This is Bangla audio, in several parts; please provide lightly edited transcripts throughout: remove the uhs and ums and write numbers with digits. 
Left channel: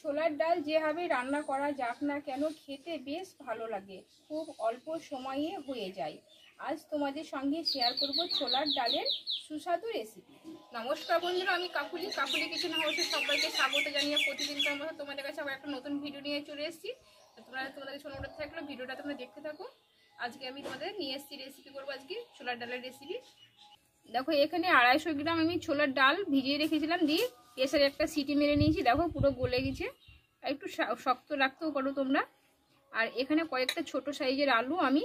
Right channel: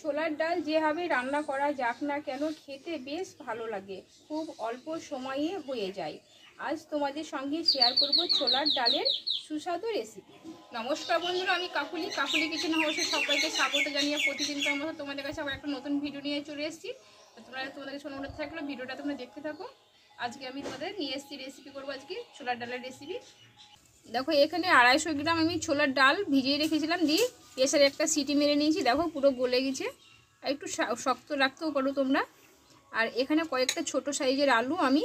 ছোলার ডাল যেভাবে রান্না করা যাক না কেন খেতে বেশ ভালো লাগে, খুব অল্প সময়ে হয়ে যায়। আজ তোমাদের সঙ্গে শেয়ার করব ছোলার ডালের সুস্বাদু রেসিপি। নমস্কার বন্ধুরা, আমি কাকুলি কিচেন হাউসে সবাইকে স্বাগত জানিয়ে প্রতিদিনকার মতো তোমাদের কাছে আবার একটা নতুন ভিডিও নিয়ে চলে এসেছি। তোমাদের কাছে অনুরোধ থাকলো ভিডিওটা তোমরা দেখতে থাকো। আজকে আমি তোমাদের নিয়ে এসেছি রেসিপি করবো, আজকে ছোলার ডালের রেসিপি। দেখো এখানে 250 গ্রাম আমি ছোলার ডাল ভিজিয়ে রেখেছিলাম, দিয়ে প্রেসারে একটা সিটি মেরে নিয়েছি। দেখো পুরো গলে গেছে, একটু শক্ত রাখতেও পারো তোমরা। আর এখানে কয়েকটা ছোট সাইজের আলু আমি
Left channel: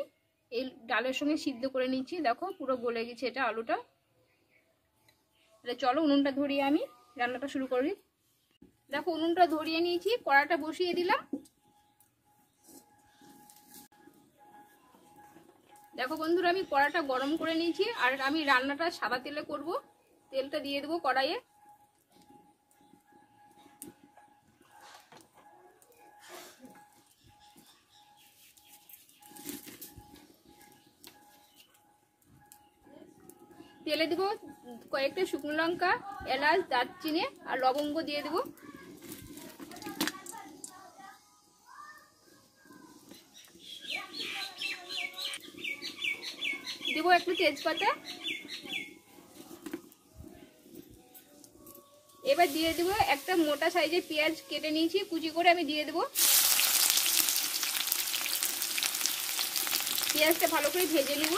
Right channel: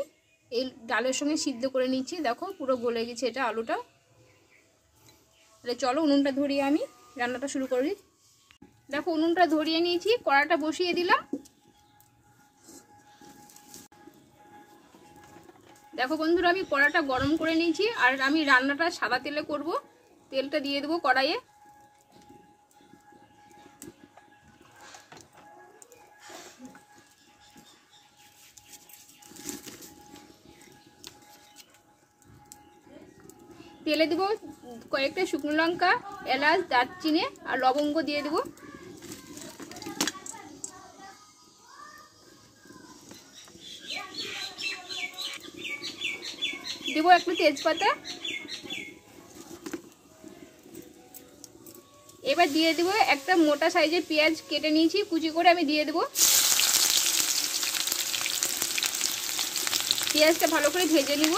এই ডালের সঙ্গে সিদ্ধ করে নিচ্ছি। দেখো পুরো গলে গেছে এটা আলুটা। তাহলে চলো উনুনটা ধরিয়ে আমি রান্নাটা শুরু করি। দেখো উনুনটা ধরিয়ে নিয়েছি, কড়াটা বসিয়ে দিলাম। দেখো বন্ধুরা, আমি কড়াটা গরম করে নিয়েছি আর আমি রান্নাটা সাদা তেলে করব। তেলটা দিয়ে দেবো কড়াইয়ে। তেলে দেবো কয়েকটা শুকনো লঙ্কা, এলাচ, দারচিনি আর লবঙ্গ দিয়ে দেবো। দেবো একটু তেজপাতা। এবার দিয়ে দেবো একটা মোটা সাইজের পেঁয়াজ কেটে নিয়েছি, কুচি করে আমি দিয়ে দেবো। পেঁয়াজটা ভালো করে ভেজে নিব।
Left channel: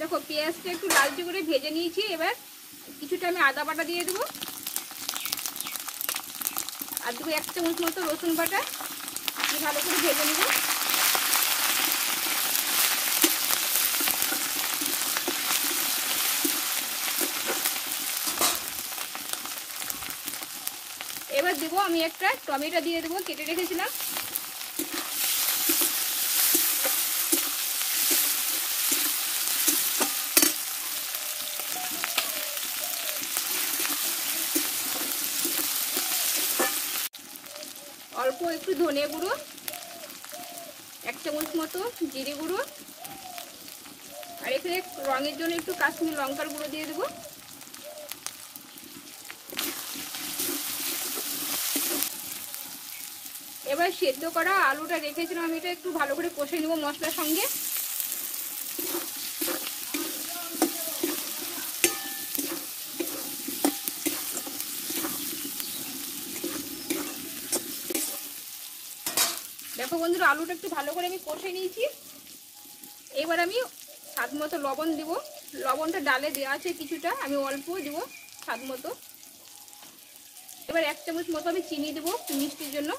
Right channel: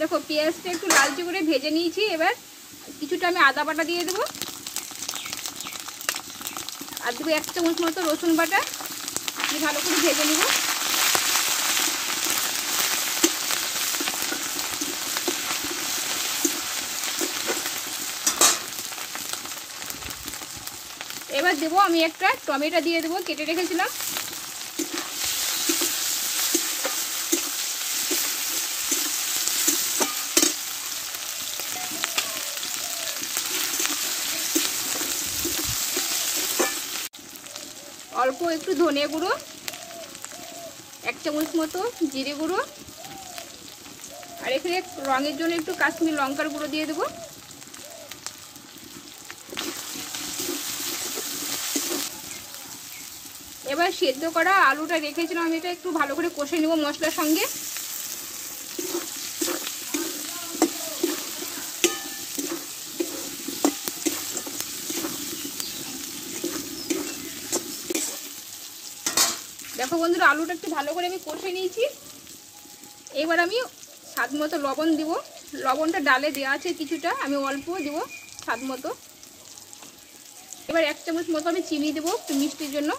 দেখো পেঁয়াজটা একটু লালচে করে ভেজে নিয়েছি। এবার কিছুটা আমি আদা বাটা দিয়ে দেবো, আর দেবো 1 চামচ মতো রসুন বাটা। ভালো করে ভেজে নেব। এবার দেবো আমি একটা টমেটো দিয়ে দেবো, কেটে রেখেছিলাম। অল্প একটু ধনে গুঁড়ো, 1 চামচ মতো জিরে গুঁড়ো, আর এখানে রঙের জন্য একটু কাশ্মীরি লঙ্কার গুঁড়ো দিয়ে দেবো। এবার সেদ্ধ করা আলুটা রেখেছিলাম আমি, এটা একটু ভালো করে কষে নেব মশলার সঙ্গে। দেখো বন্ধুরা, আলুটা একটু ভালো করে আমি কষে নিয়েছি। এবার আমি স্বাদ মতো লবণ দিব। লবণটা ডালে দেওয়া আছে কিছুটা, আমি অল্প দেব স্বাদ মতো। এবার 1 চামচ মতো আমি চিনি দেবো মিষ্টির জন্য,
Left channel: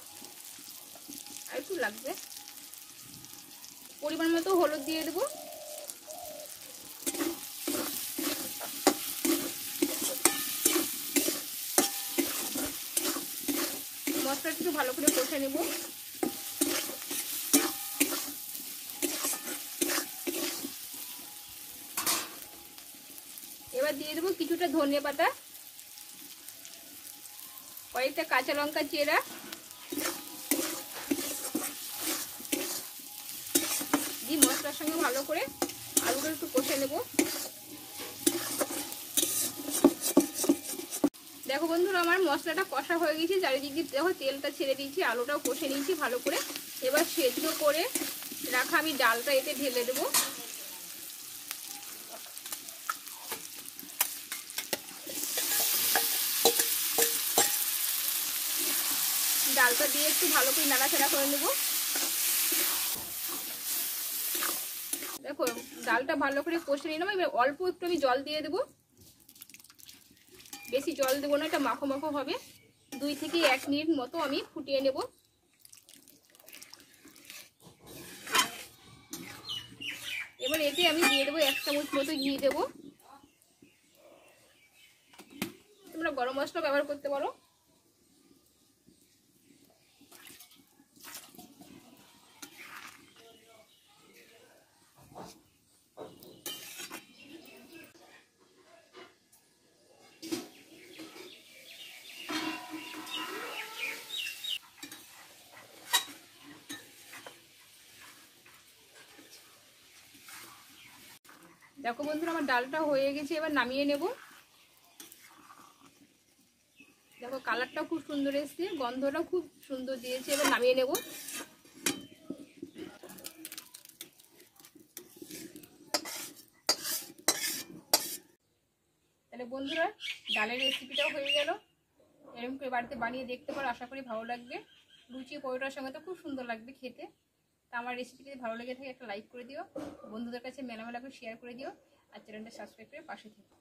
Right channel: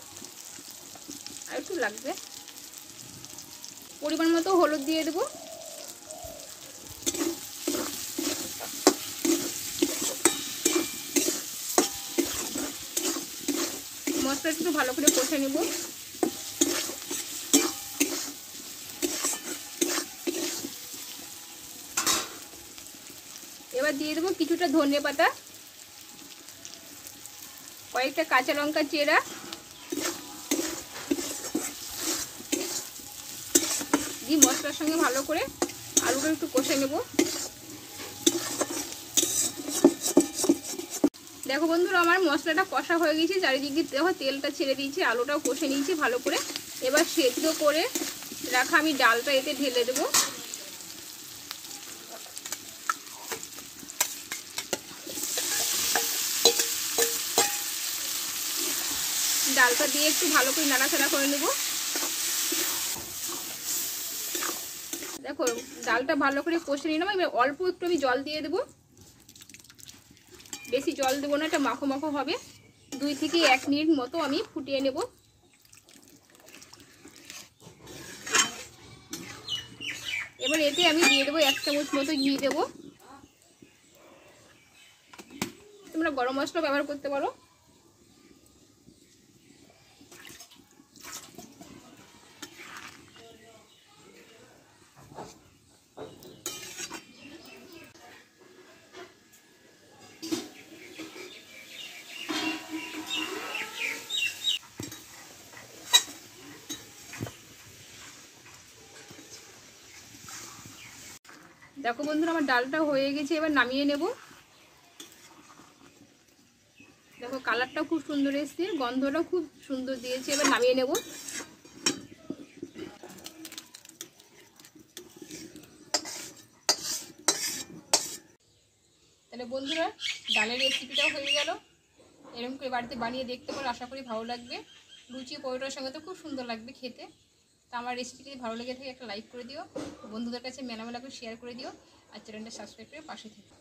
আর একটু লাগবে। পরিমাণ মতো হলুদ দিয়ে দেবো। মশলা একটু ভালো করে কষে নেব। এবার দিয়ে দেবো কিছুটা ধনিয়া পাতা, কয়েকটা কাঁচা লঙ্কা চেরা, দিয়ে মশলার সঙ্গে ভালো করে আলুটা একটু কষে নেব। দেখো বন্ধুরা, আমার মশলাটা কষা হয়ে গেছে, চারিদিক দিয়ে দেখো তেলটা ছেড়ে দিয়েছি, আলুটাও কষে নিয়েছি ভালো করে। এবার সেদ্ধ করে রাখা আমি ডালটা এতে ঢেলে দেবো। ডালটা দিয়ে একটু ভালো করে নাড়াচাড়া করে নেব। দেখো ডালটা ভালো করে কষে নিলাম। এবার অল্প একটু আমি জল দিয়ে দেবো, বেশি জল দেবো না, এটা মাখো মাখো হবে। 2 থেকে 1 মিনিট মতো আমি ফুটিয়ে নেব। এবার এতে আমি দিয়ে দেবো 1 চামচ মতো ঘি দেবো। তোমরা গরম মশলা ব্যবহার করতে পারো। দেখো বন্ধুরা আমার ডালটা হয়ে গেছে, এবার নামিয়ে নেব। দেখো কালারটা খুব সুন্দর এসছে, গন্ধটা খুব সুন্দর দিয়েছে, এবার নামিয়ে নেব। তাহলে বন্ধুরা ডালের রেসিপিটাও হয়ে গেল। এরকম করে বাড়িতে বানিয়ে দেখতে পারো, আশা করি ভালো লাগবে। লুচি পরোটার সঙ্গে তো খুব সুন্দর লাগবে খেতে। তা আমার রেসিপি যদি ভালো লেগে থাকে একটা লাইক করে দিও, বন্ধুদের কাছে মেলা মেলা করে শেয়ার করে দিও, আর চ্যানেলটা সাবস্ক্রাইব করে পাশে থেকে।